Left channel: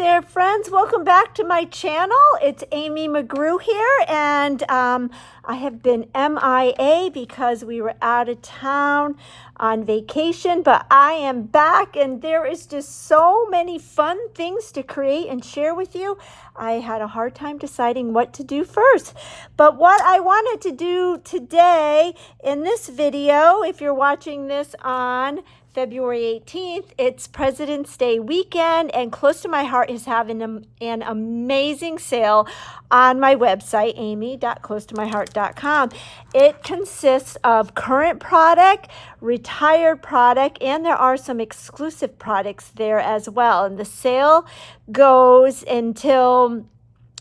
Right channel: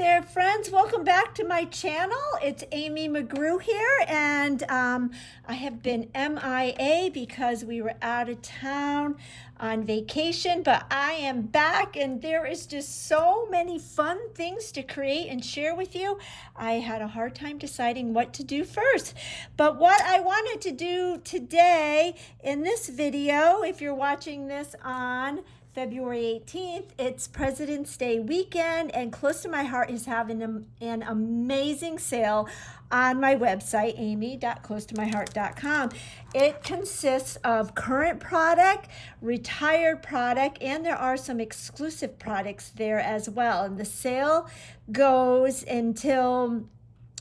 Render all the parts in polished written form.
there, friends. Welcome back to my channel. It's Amy McGrew here, and I have been MIA because we were out of town on vacation, but I am back, and there is just so many fun things to create and share with you. I had a hard time deciding what to do first, but what I wanted to do today in this video, if you're watching this on February 18th, it's President's Day weekend, and Close to My Heart is having an amazing sale on my website, amy.closetomyheart.com. It consists of current product, retired product, and there are some exclusive products there as well. And the sale goes until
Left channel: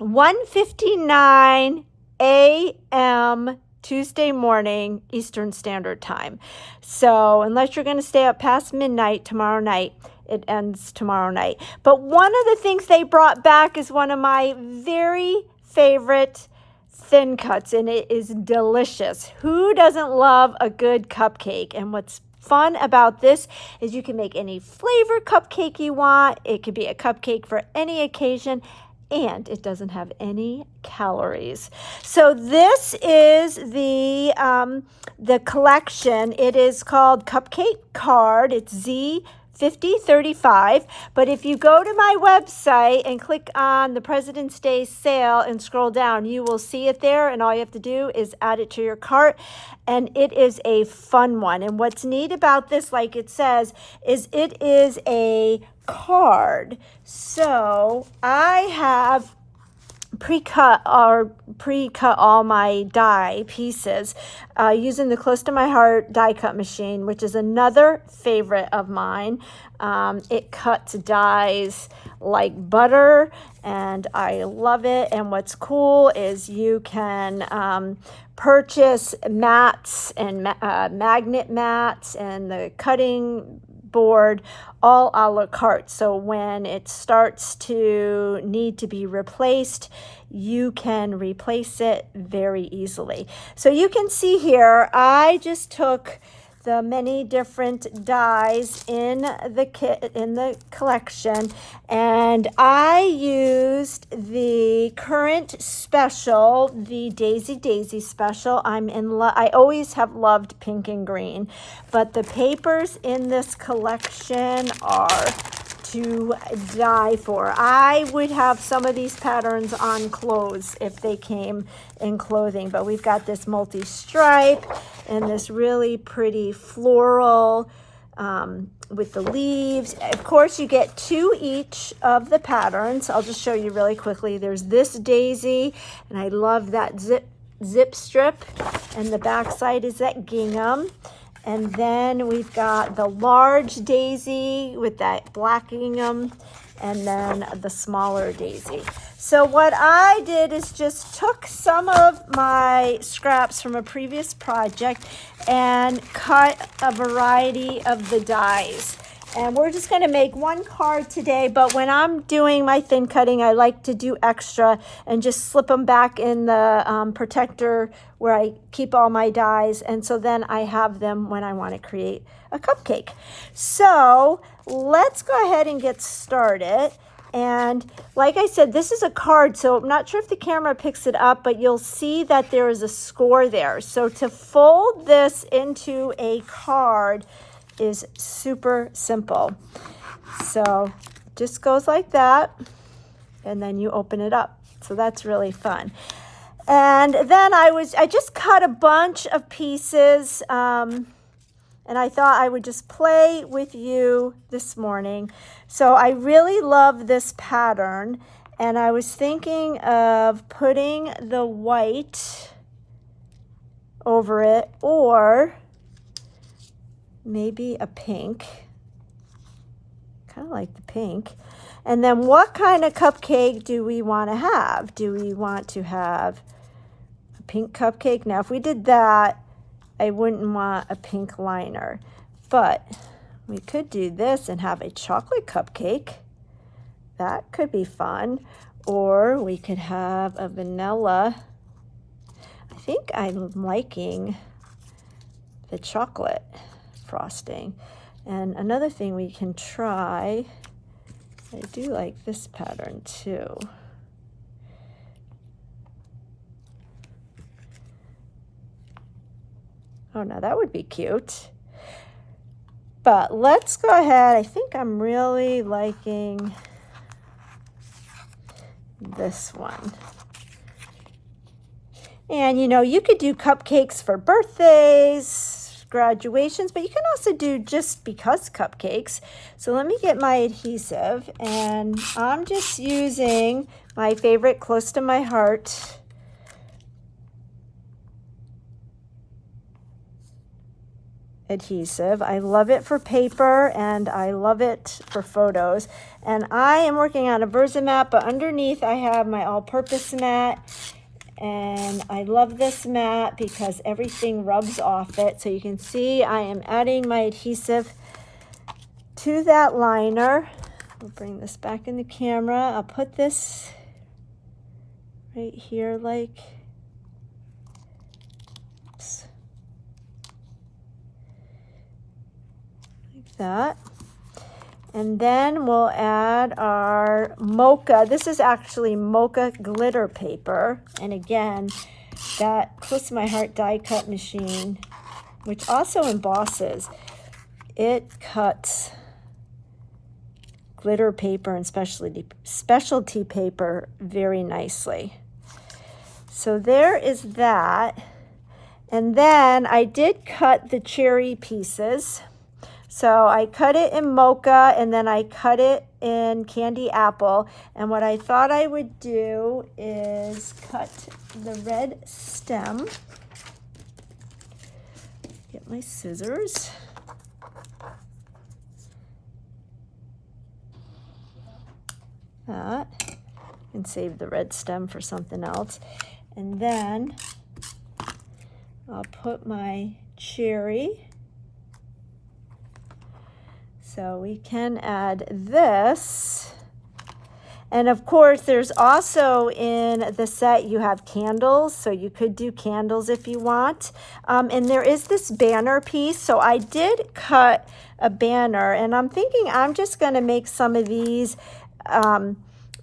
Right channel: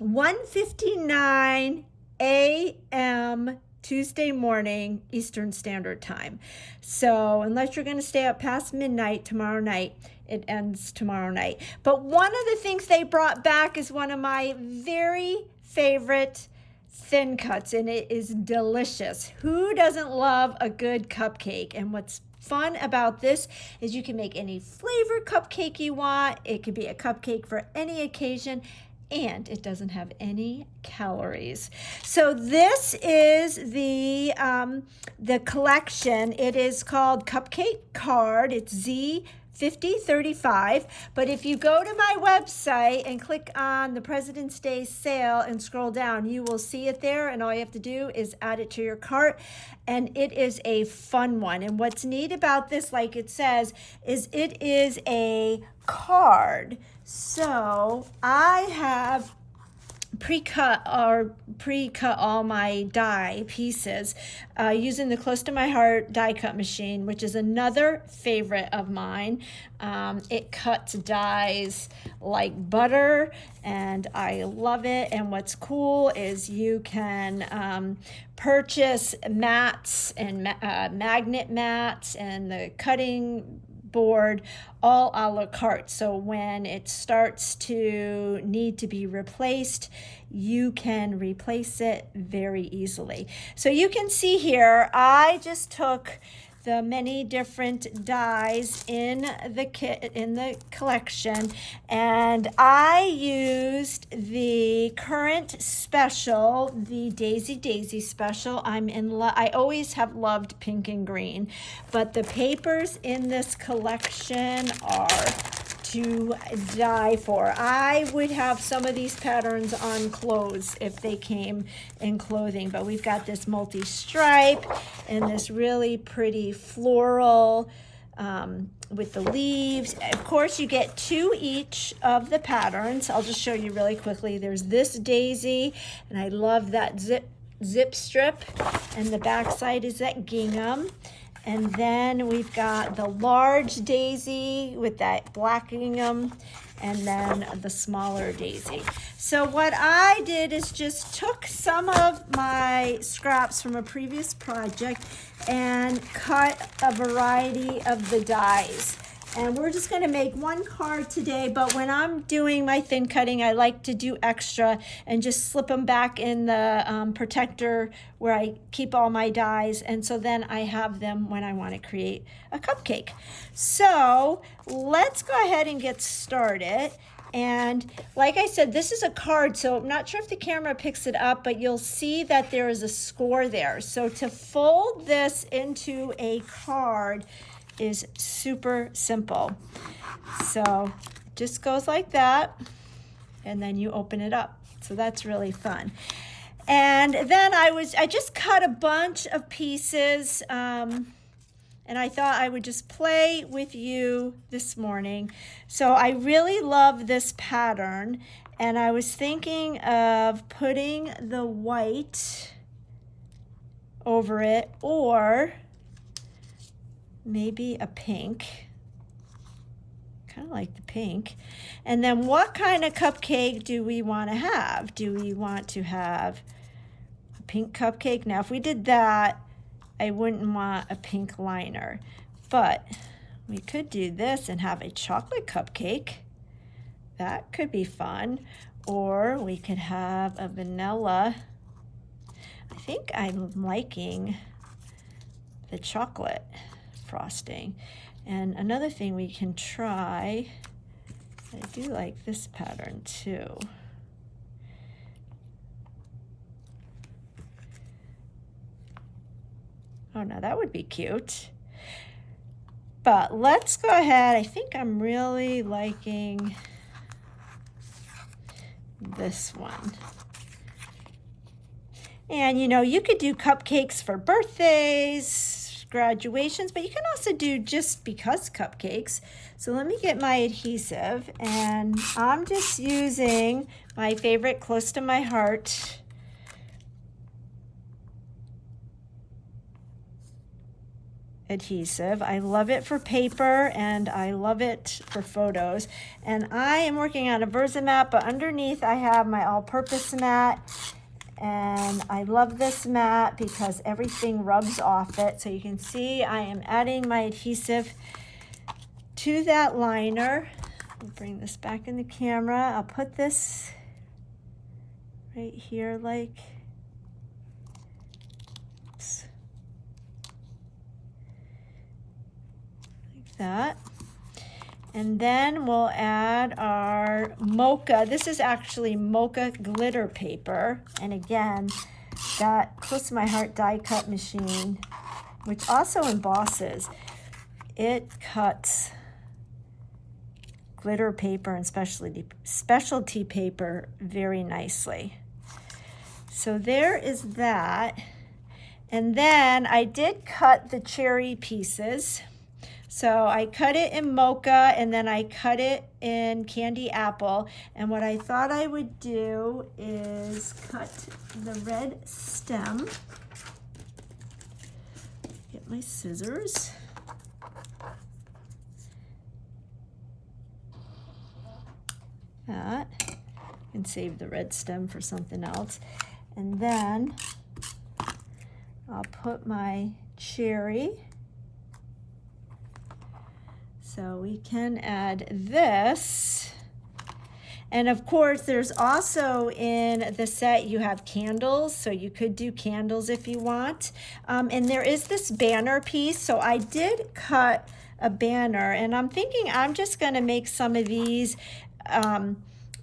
1:59 a.m. Tuesday morning, Eastern Standard Time. So unless you're going to stay up past midnight tomorrow night, it ends tomorrow night. But one of the things they brought back is one of my very favorite thin cuts, and it is delicious. Who doesn't love a good cupcake? And what's fun about this is you can make any flavor cupcake you want. It could be a cupcake for any occasion, and it doesn't have any calories. So this is the collection. It is called Cupcake Card. It's Z5035. But if you go to my website and click on the President's Day sale and scroll down, you will see it there, and all you have to do is add it to your cart. And it is a fun one. And what's neat about this, like it says, is it is a card. So I have pre-cut all my die pieces using the Close to My Heart die cut machine, which is another favorite of mine. It cuts dies like butter, and I love it. And what's cool is you can purchase mats and magnet mats and the cutting board all a la carte. So when it starts to need to be replaced, you can replace it very easily. So you can see here, I just took the many different dies in the kit, in the collection, and I used the current special, the Daisy special. I always have loved pink and green, but the papers in this collection are to die for. I would have some of these patterns on clothes if they came in clothing, but we've got this multi-stripe and this really pretty floral with the leaves. Of course, you get two each of the patterns. I'll just show you really quickly. There's this daisy, and I love that zip strip, and the back side is that gingham. And then we've got the large daisy with that black gingham, and then the smaller daisy. So what I did is just took some of my scraps from a previous project and cut a variety of the dies. And we're just going to make one card today, but when I'm doing my thin cutting, I like to do extra and just slip them back in the protector where I keep all my dies, and so then I have them when I want to create a cupcake. So let's go ahead and get started. And like I said, this is a card, so I'm not sure if the camera picks it up, but you'll see that there is a score there. So to fold this into a card is super simple. So it just goes like that, and then you open it up. So that's really fun. And then I just cut a bunch of pieces, and I thought I would just play with you this morning. So I really love this pattern, and I was thinking of putting the white over it, or maybe a pink. Kind of like the pink. And then what kind of cupcake do we want to have? Do we want to have a pink cupcake? Now, if we did that, I wouldn't want a pink liner. But we could do this and have a chocolate cupcake. That could be fun. Or we could have a vanilla. I think I'm liking the chocolate frosting. And another thing we can try I do like this pattern too. Oh, now that would be cute. But let's go ahead. I think I'm really liking this one. And you know, you could do cupcakes for birthdays, graduations, but you can also do just because cupcakes. So let me get my adhesive, and I'm just using my favorite Close to My Heart adhesive. I love it for paper and I love it for photos. And I am working on a Versamat, but underneath I have my all-purpose mat. And I love this mat because everything rubs off it. So you can see I am adding my adhesive to that liner. I'll bring this back in the camera. I'll put this right here like, oops, like that. And then we'll add our mocha. This is actually mocha glitter paper. And again, that Close to My Heart die cut machine, which also embosses, it cuts glitter paper and specialty paper very nicely. So there is that. And then I did cut the cherry pieces. So I cut it in mocha and then I cut it in candy apple. And what I thought I would do is cut the red stem. Get my scissors. That. And save the red stem for something else. And then I'll put my cherry. So we can add this. And of course, there's also in the set, you have candles. So you could do candles if you want. And there is this banner piece. So I did cut a banner and I'm thinking I'm just gonna make some of these,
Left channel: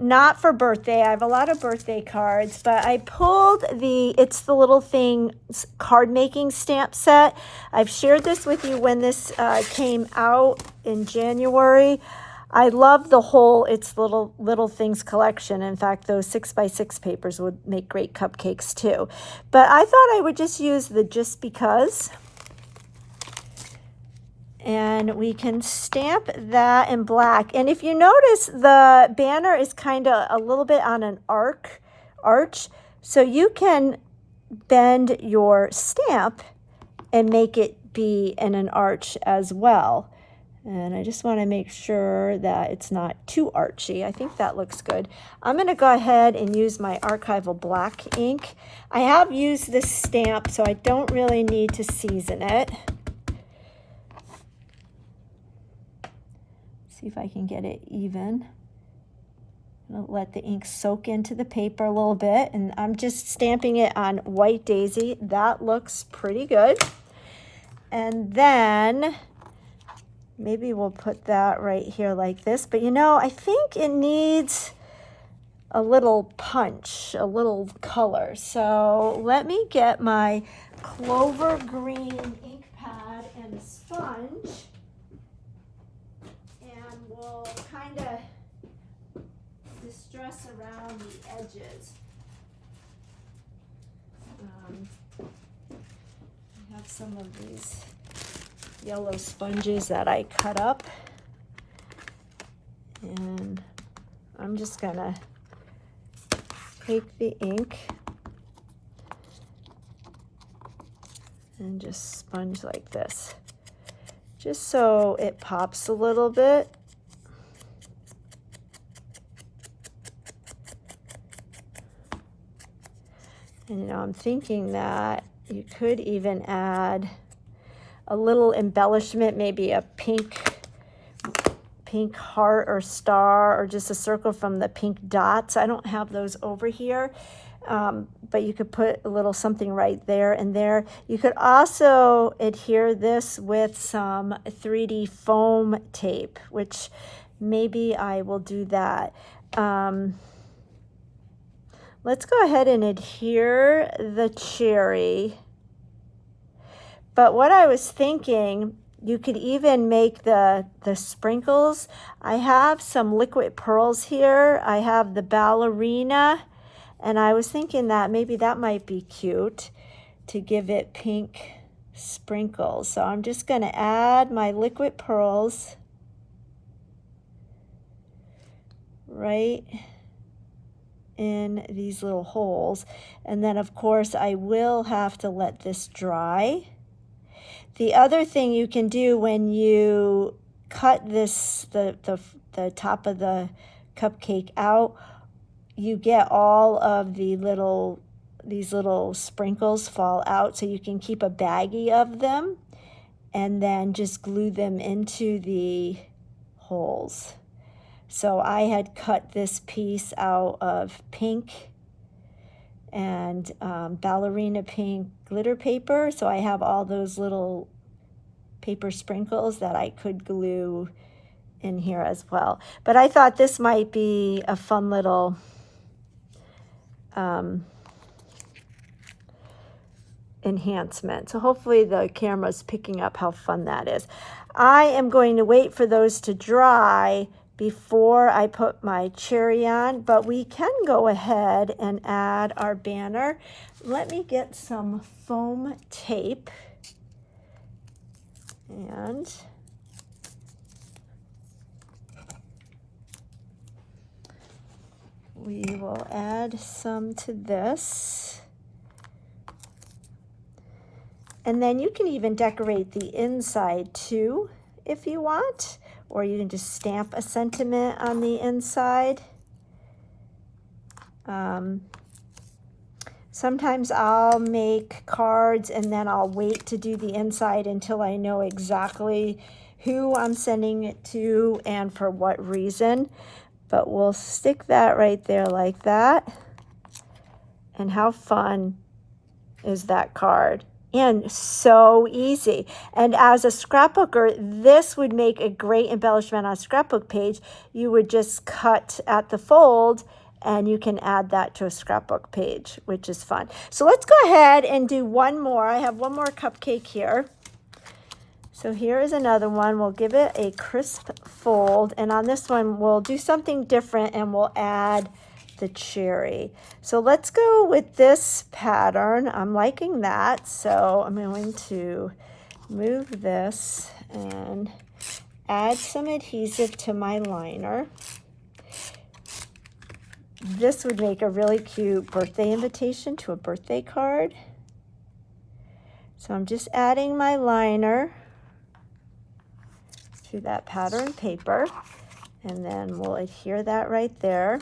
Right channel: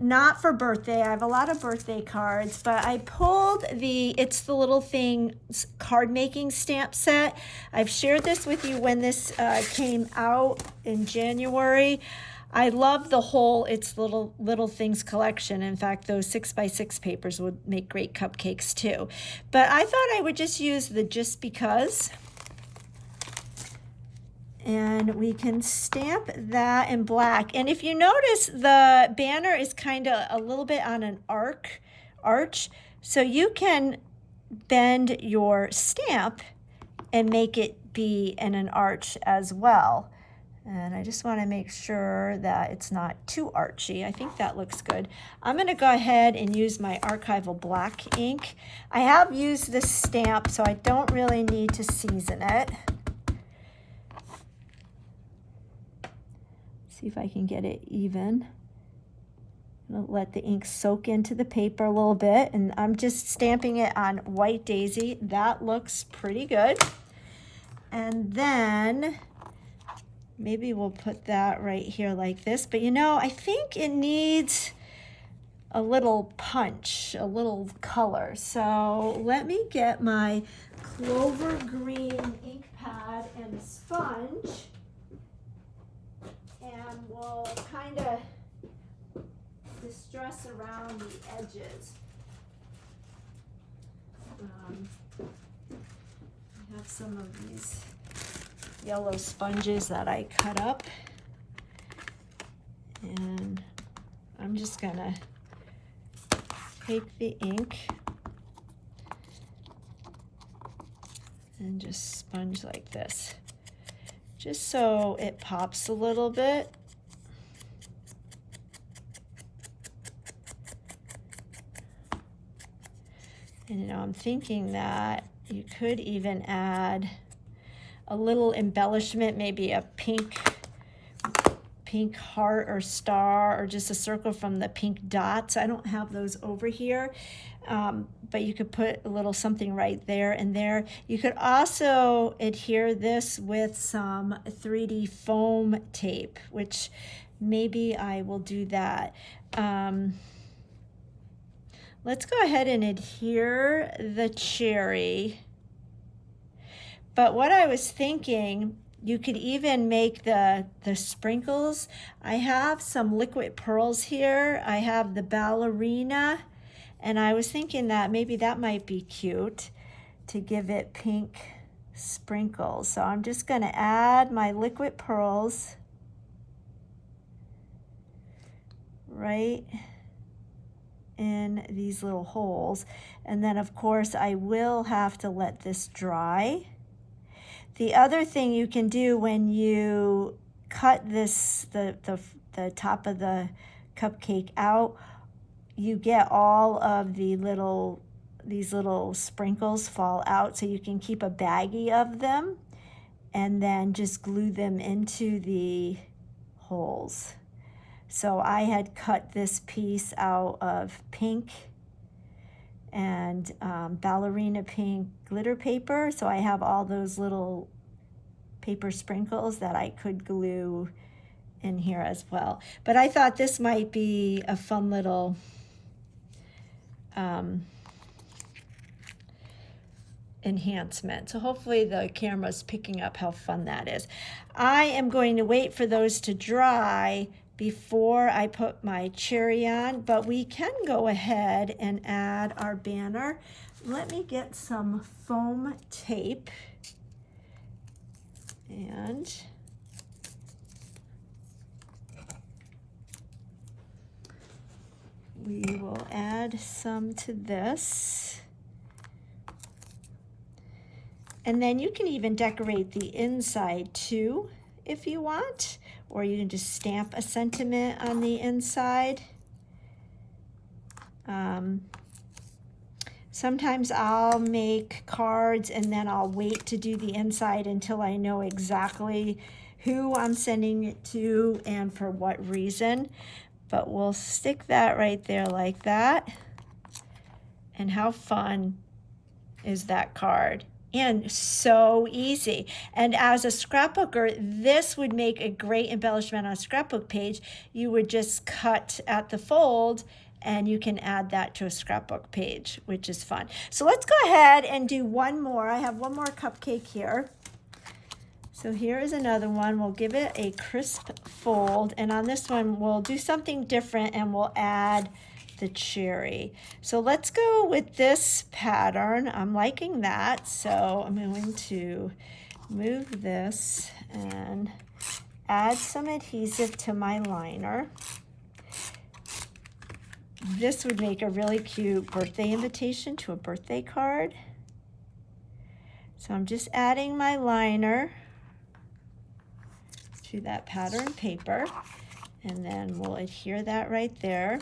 not for birthday. I have a lot of birthday cards, but I pulled It's the Little Things card making stamp set. I've shared this with you when this came out in January. I love the whole It's the Little Things collection. In fact, those 6x6 papers would make great cupcakes too. But I thought I would just use the Just Because. And we can stamp that in black. And if you notice, the banner is kind of a little bit on an arch. So you can bend your stamp and make it be in an arch as well. And I just want to make sure that it's not too archy. I think that looks good. I'm going to go ahead and use my archival black ink. I have used this stamp, so I don't really need to season it. See if I can get it even. I'll let the ink soak into the paper a little bit, and I'm just stamping it on White Daisy. That looks pretty good. And then maybe we'll put that right here like this. But you know, I think it needs a little punch, a little color. So let me get my Clover Green ink pad and a sponge. And we'll kind of distress around the edges. I have some of these yellow sponges that I cut up. And I'm just gonna take the ink and just sponge like this, just so it pops a little bit. And you know, I'm thinking that you could even add a little embellishment, maybe a pink heart or star, or just a circle from the pink dots. I don't have those over here. But you could put a little something right there and there. You could also adhere this with some 3D foam tape, which maybe I will do that. Let's go ahead and adhere the cherry. But what I was thinking, you could even make the sprinkles. I have some liquid pearls here. I have the ballerina, and I was thinking that maybe that might be cute to give it pink sprinkles. So I'm just going to add my liquid pearls right in these little holes. And then of course I will have to let this dry. The other thing you can do when you cut this, the top of the cupcake out, you get all of these little sprinkles fall out, so you can keep a baggie of them and then just glue them into the holes. So I had cut this piece out of pink and ballerina pink glitter paper. So I have all those little paper sprinkles that I could glue in here as well. But I thought this might be a fun little enhancement. So hopefully the camera's picking up how fun that is. I am going to wait for those to dry before I put my cherry on, but we can go ahead and add our banner. Let me get some foam tape, and we will add some to this. And then you can even decorate the inside too if you want, or you can just stamp a sentiment on the inside. Sometimes I'll make cards and then I'll wait to do the inside until I know exactly who I'm sending it to and for what reason. But we'll stick that right there like that. And how fun is that card? And so easy. And as a scrapbooker, this would make a great embellishment on a scrapbook page. You would just cut at the fold and you can add that to a scrapbook page, which is fun. So let's go ahead and do one more. I have one more cupcake here. So here is another one. We'll give it a crisp fold. And on this one, we'll do something different and we'll add the cherry. So let's go with this pattern. I'm liking that. So I'm going to move this and add some adhesive to my liner. This would make a really cute birthday invitation to a birthday card. So I'm just adding my liner to that pattern paper, and then we'll adhere that right there.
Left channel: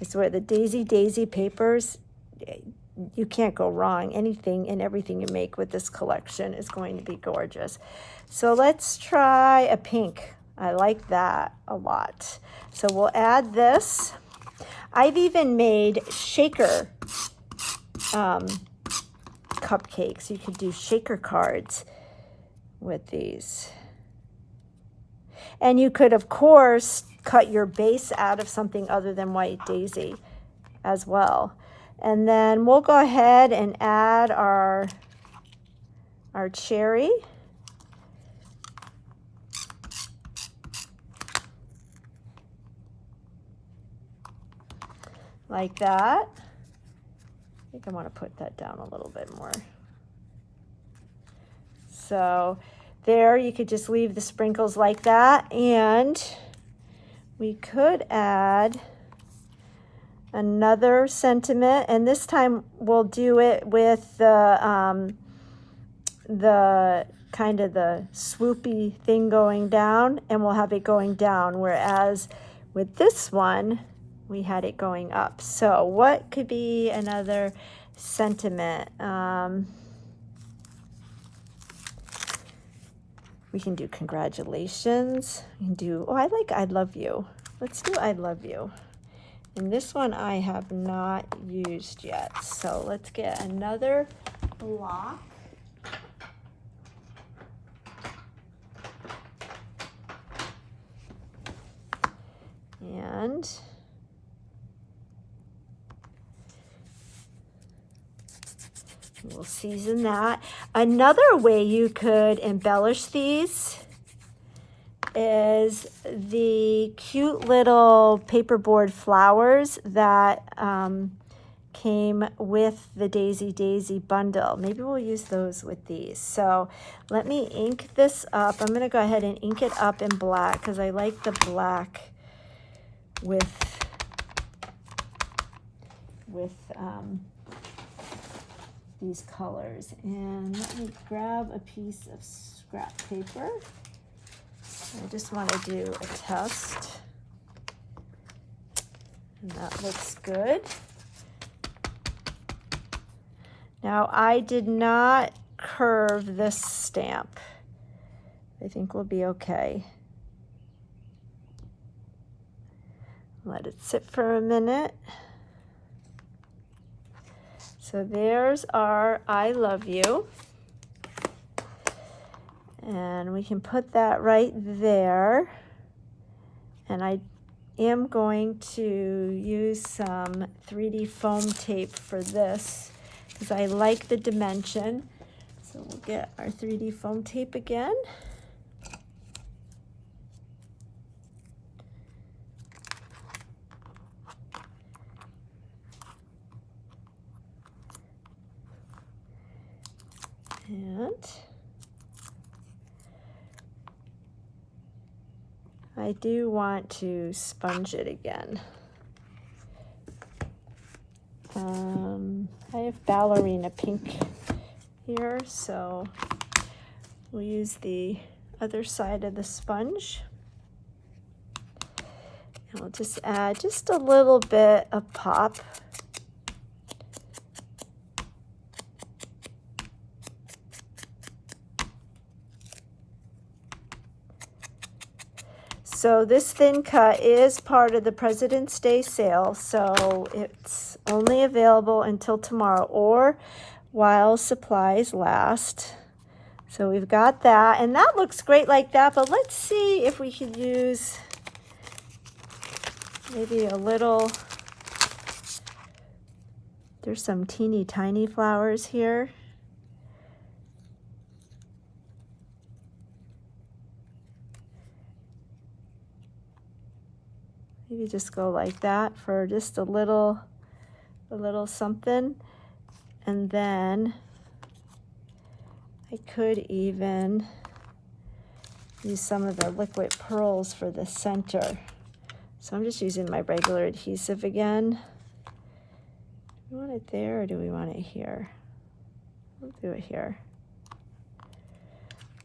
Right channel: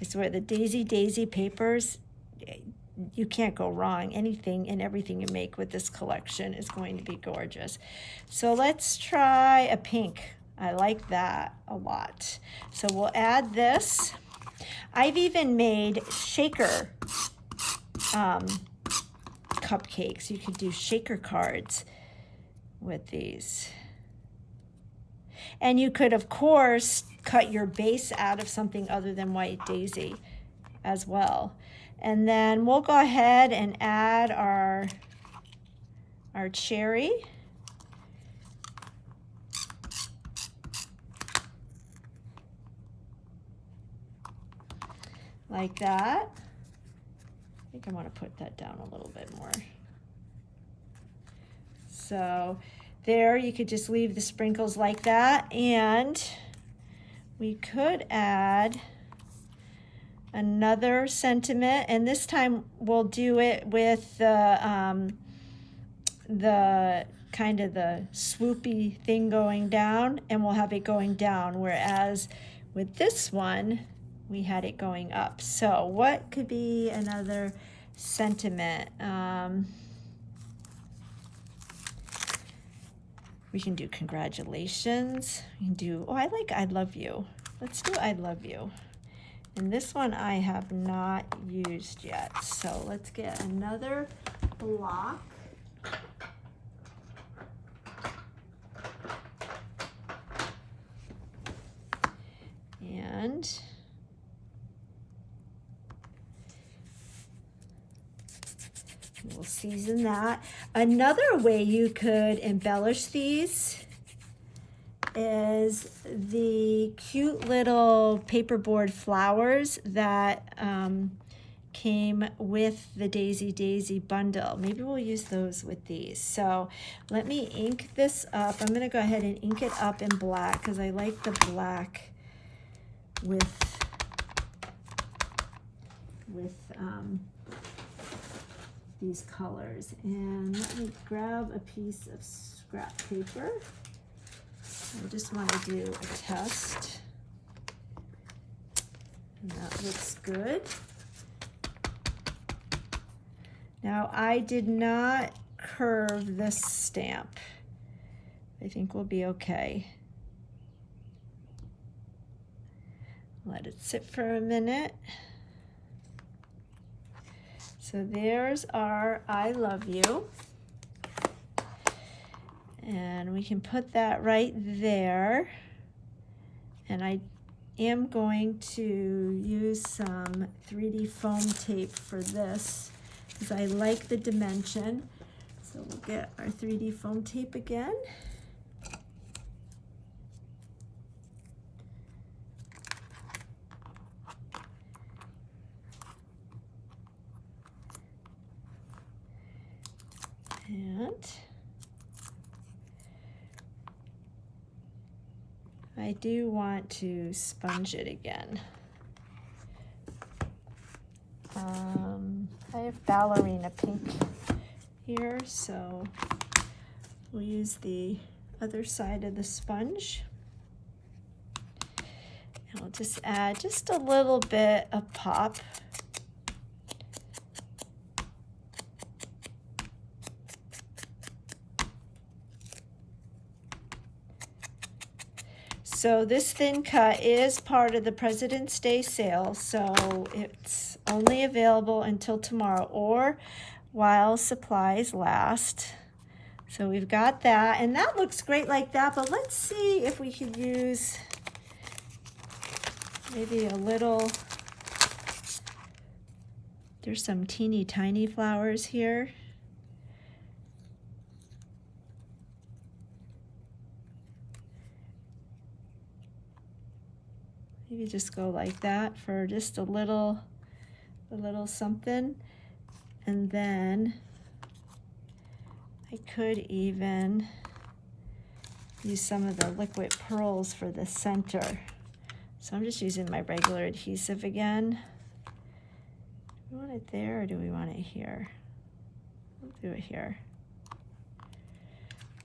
I swear the Daisy papers, you can't go wrong. Anything and everything you make with this collection is going to be gorgeous. So let's try a pink. I like that a lot. So we'll add this. I've even made shaker cupcakes. You could do shaker cards with these. And you could, of course, cut your base out of something other than white daisy as well. And then we'll go ahead and add our cherry. Like that. I think I want to put that down a little bit more. So there, you could just leave the sprinkles like that, and we could add another sentiment, and this time we'll do it with the kind of the swoopy thing going down, and we'll have it going down, whereas with this one we had it going up. So what could be another sentiment? We can do congratulations. We can do, oh, I like I love you. Let's do I love you. And this one I have not used yet. So let's get another block. And we'll season that. Another way you could embellish these is the cute little paperboard flowers that came with the Daisy bundle. Maybe we'll use those with these. So let me ink this up. I'm going to go ahead and ink it up in black because I like the black with these colors. And let me grab a piece of scrap paper. I just want to do a test. And that looks good. Now I did not curve this stamp. I think we'll be okay. Let it sit for a minute. So there's our I love you. And we can put that right there. And I am going to use some 3D foam tape for this because I like the dimension. So we'll get our 3D foam tape again. And I do want to sponge it again. I have ballerina pink here, so we'll use the other side of the sponge. And we'll just add just a little bit of pop. So this thin cut is part of the President's Day sale, so it's only available until tomorrow or while supplies last. So we've got that, and that looks great like that, but let's see if we could use maybe a little, there's some teeny tiny flowers here. Maybe just go like that for just a little something. And then I could even use some of the liquid pearls for the center. So I'm just using my regular adhesive again. Do we want it there or do we want it here? We'll do it here.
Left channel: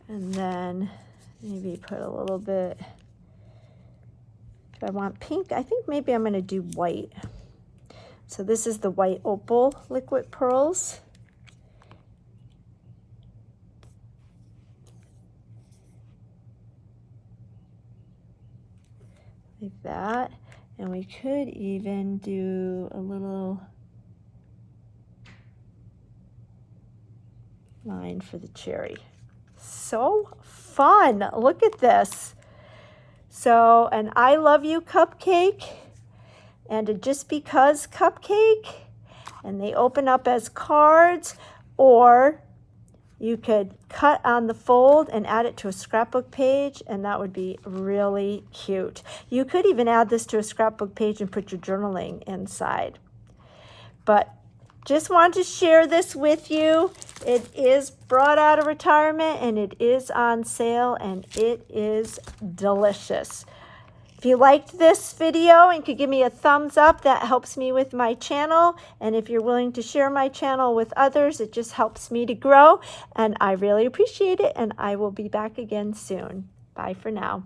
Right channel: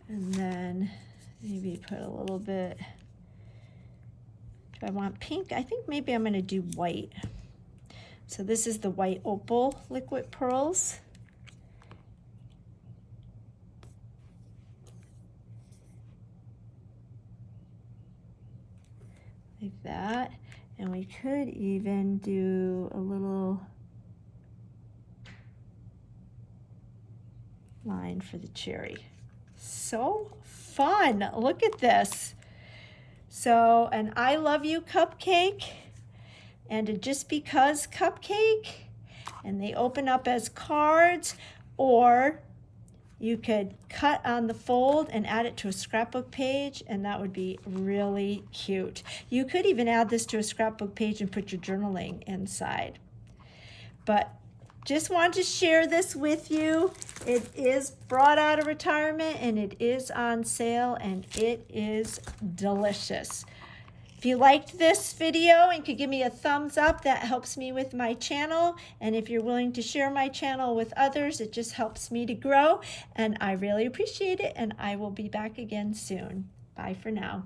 And then maybe put a little bit. I want pink. I think maybe I'm going to do white. So this is the white opal liquid pearls. Like that. And we could even do a little line for the cherry. So fun. Look at this. So, an I love you cupcake and a just because cupcake, and they open up as cards, or you could cut on the fold and add it to a scrapbook page, and that would be really cute. You could even add this to a scrapbook page and put your journaling inside. But just wanted to share this with you. It is brought out of retirement and it is on sale and it is delicious. If you liked this video and could give me a thumbs up, that helps me with my channel. And if you're willing to share my channel with others, it just helps me to grow. And I really appreciate it. And I will be back again soon. Bye for now.